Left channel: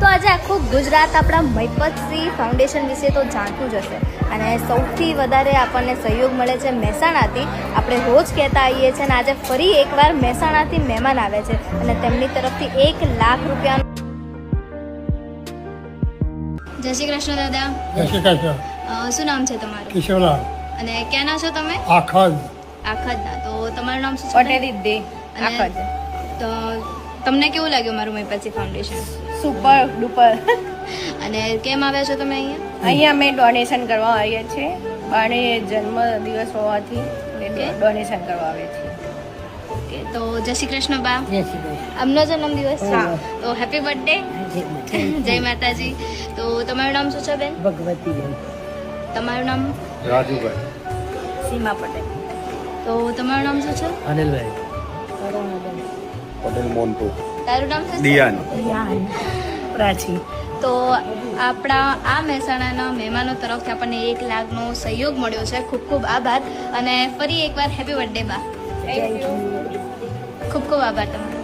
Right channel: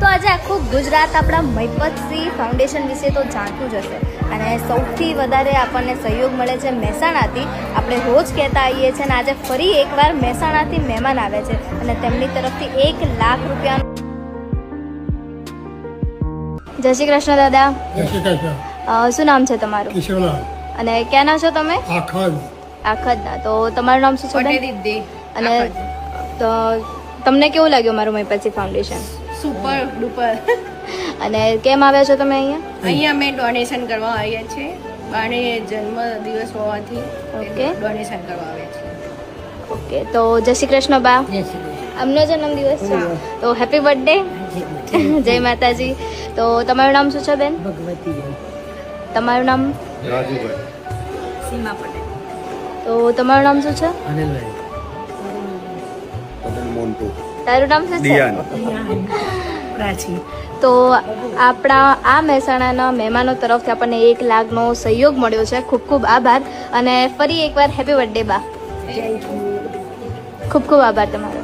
તો આજે આખું ગુજરાત આપણા મહિપતસિંહ ફાઉન્ડેશન વિશે તો જાણતું જ હશે અને સૌથી વધારે આપણને સહયોગ મળે છે મહેસાણાથી. આપણે રોજ કહેતા આવીએ છીએ અને આજે ફરી એકવાર મહેસાણાથી મહેમાન આવે છે અને તેમની તરફથી 1 લાખ રૂપિયાનું. જય શ્રી કૃષ્ણ દાદા. જય શ્રી કૃષ્ણ. શું નામ છે તમારું? કિશોરલાલ. અને ક્યાંના છો તમે? આખા આખતના. તો તમારું નામ શું છે? પટેલ રિદ્ધિ. અને તો તમને કેવું લાગ્યું મારું મહિપતસિંહ ફાઉન્ડેશન? Super duper. અને કેમ આવ્યા છો તમે અહીંયા? અહીંયા અમે ડોનેશન કરવા આવીએ છીએ. બાણે જન્મ દિવસ હોવાથી Okay. ડોનેશન કરવા આવ્યા છીએ. ઓકે, તો જય શ્રી કૃષ્ણ બા. આમનો જન્મદિવસ છે તો હેપી બર્થડે. જય માતાજી. તો તમારું નામ શું છે બેન? ભગવતી. તમારું નામ? રાજુભાઈ. સીમા પટેલ. તો તમારું નામ શું છે? અનિલભાઈ. પટેલ મોન્ટુ. તારું નામ શું છે? દિયાન. પ્રાચી. તો આપણા આ મહેસાણાના મહેમાનો તરફથી આપણને 1 લાખનો સહયોગ મળ્યો છે. ખૂબ ખૂબ આભાર અને ફરી એકવાર હેપી બર્થડે બા. ખૂબ ખૂબ આભાર તમારો.